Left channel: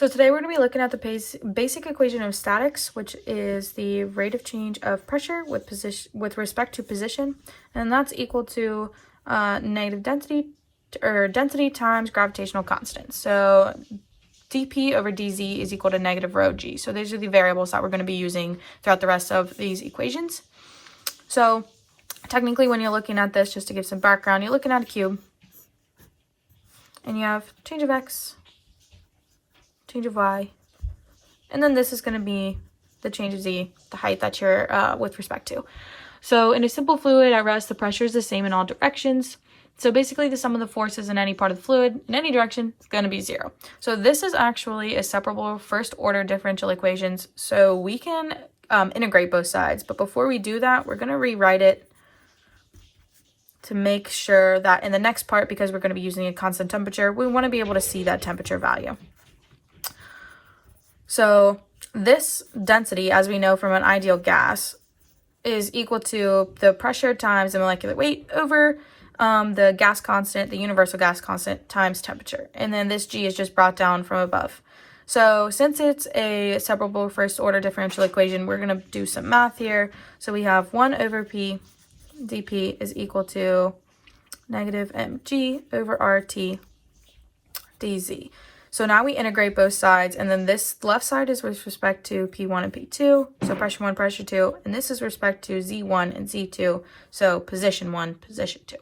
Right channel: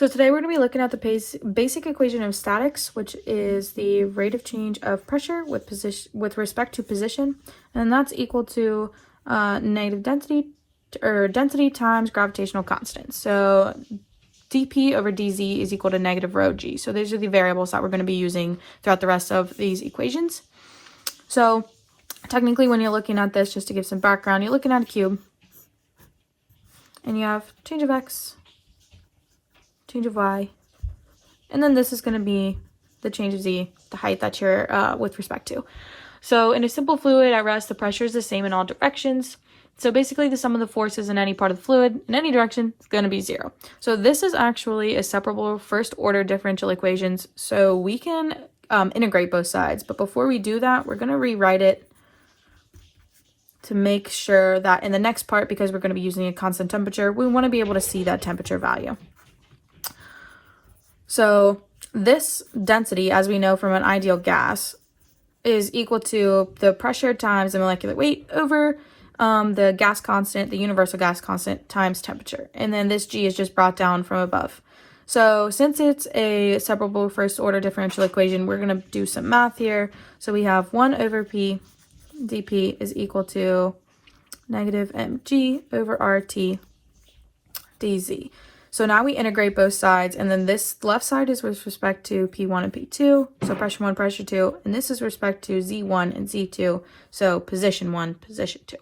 So today we're going to be looking at the basic equation of statics, which is the rate of change of pressure with respect to position, and that's equal to negative density times gravitational constant. So dP over dz is equal to negative rho g. So these are the variables that we're going to be using throughout the rest of these equations. So technically, when you're looking at this, just to give some background, you're looking at a cube, and you have change of x, change of y, and then this is going to be the change of z, the height that you're with respect to. So in a simple fluid at rest, the pressure is the same in all directions. So basically the sum of the forces in any part of the fluid in any direction is going to be 0. So this is actually a separable first order differential equations. So we can integrate both sides, but before we do that, we're going to rewrite it to make sure that in the next part, because we're going to be using a constant temperature, we want to be able to see that temperature value. So this density, as we know from an ideal gas, is equal to the pressure times the molecular weight over the gas constant, the universal gas constant, times temperature. And then this G is just brought down from above. So since it's a separable first order differential equation, we're going to do some math here. So we have 1 over P dP is equal to negative mg over RT dz. So now we integrate both sides, and then this left side is with respect to P1 and P2, so pressure 1, pressure 2, and this is respect to Z1 and Z2, so position 1, position 2.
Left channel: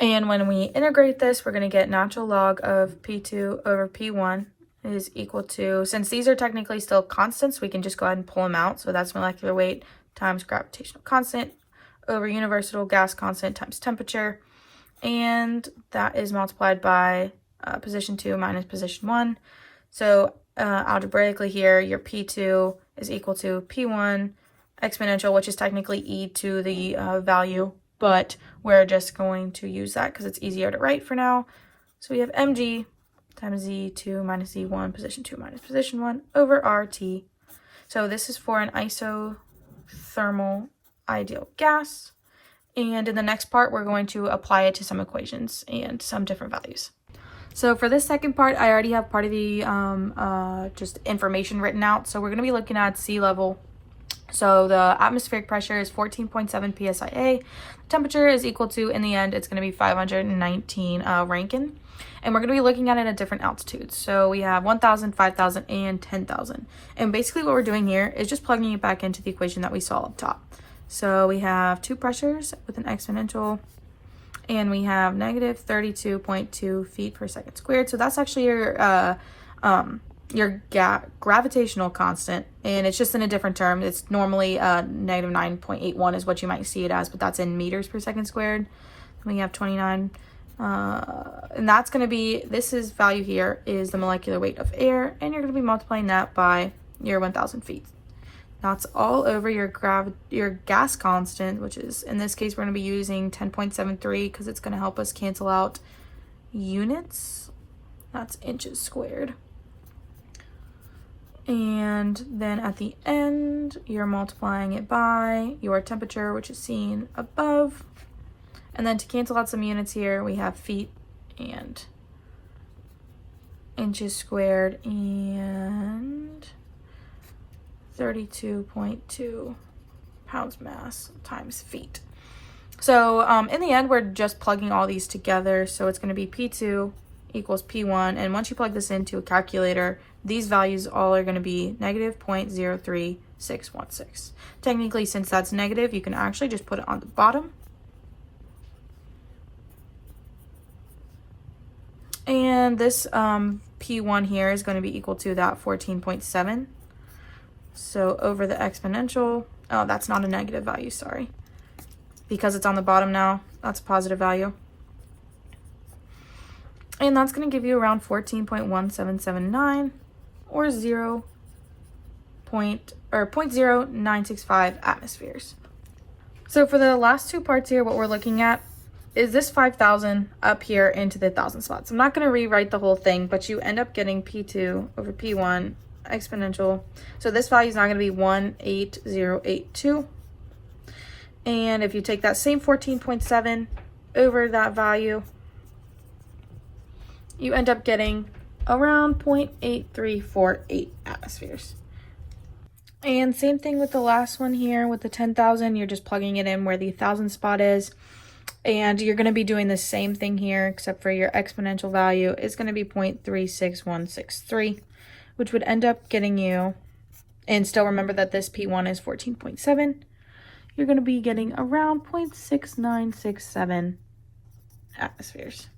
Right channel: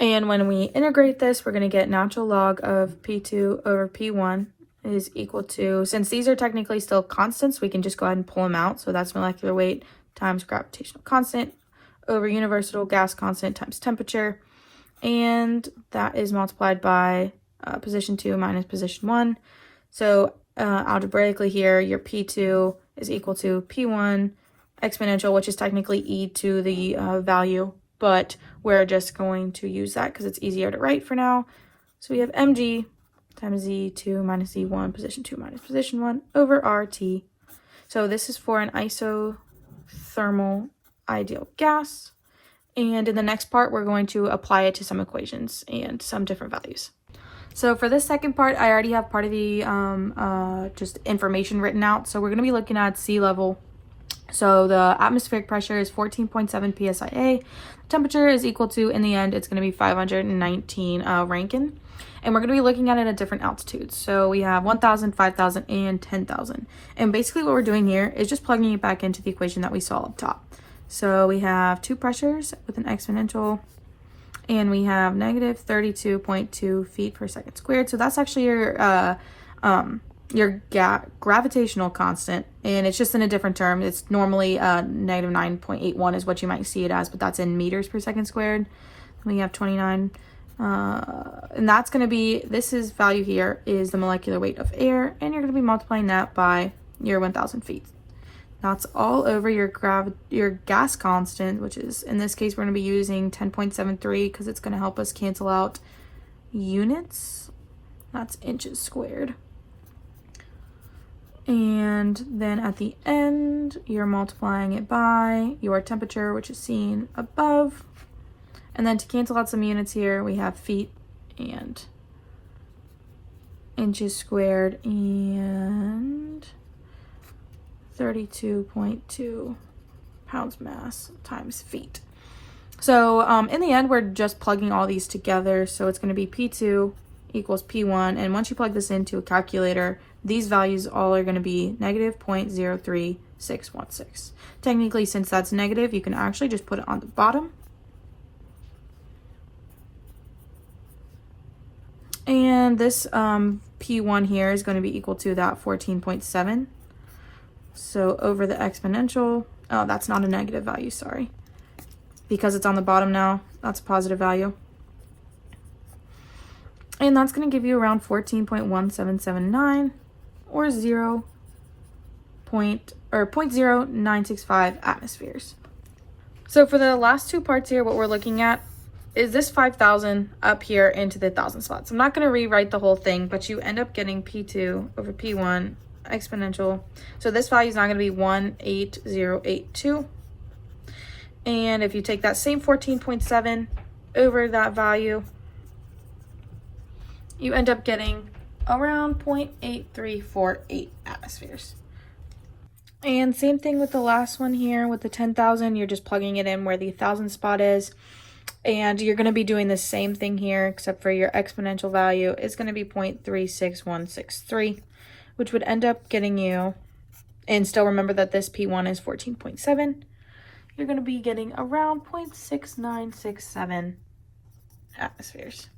And when we integrate this, we're going to get natural log of P2 over P1 is equal to, since these are technically still constants, we can just go ahead and pull them out. So that's molecular weight times gravitational constant over universal gas constant times temperature, and that is multiplied by position 2 minus position 1. So algebraically here, your P2 is equal to P1 exponential, which is technically e to the value, but we're just going to use that because it's easier to write for now. So we have mg times z2 minus z1, position 2 minus position 1 over RT. So this is for an isothermal ideal gas. And in the next part, we're going to apply it to some equations and some different values. So for this second part, I already have part of the just information written out. So we're going to be looking at sea level. So the atmospheric pressure is 14.7 psia. Temperature is equal to, in the end, it's going to be 519 Rankine. And we're going to be looking at it at different altitudes. So we have 1,000, 5,000, and 10,000. And basically what we're doing here is just plugging it back into the equation that we saw up top. So we have two pressures with an exponential, and we have negative 32.2 feet per second squared. So that's actually your gravitational constant, and it's just in a different term. It's normally negative 9.81 is what you might see it as, but that's in meters per second squared. We have 29, and that's going to be, this is value here is the molecular weight of air, and you're going to be multiplying that by your 1,000 feet. That's all over your gas constant, which is, in this case, we're going to be using 10.73 because it's going to help us cancel out units. That's inches squared. And then at the end, you're multiplying it by your temperature, which is seen above. And then to cancel out some units here, we have feet and inches squared and 32.2 pounds mass times feet. So in the end, we're just plugging all these together. So it's going to be P2 equals P1. And once you plug this into a calculator, these values all are going to be negative 0.03616. Technically, since that's negative, you can actually just put it on the bottom. And this P1 here is going to be equal to that 14.7. So over the exponential, oh, that's not a negative value, sorry. Because it's on the bottom now, that's a positive value. And that's going to give you around 14.1779 or 0.0965 atmospheres. So for the last two parts here, what we're looking at is this 5,000 up here into the 1,000 spots. I'm not going to rewrite the whole thing, but you end up getting P2 over P1 exponential. So this value is now going to be 18082. And if you take that same 14.7 over that value, you end up getting around 0.8348 atmospheres. And same thing with the last one here with the 10,000. You're just plugging it in where the 1,000 spot is. And you're going to be doing the same thing here, except for your exponential value is going to be 0.36163, which would end up getting you, and still remember that this P1 is 14.7. You're going to be getting around 0.6967 atmospheres.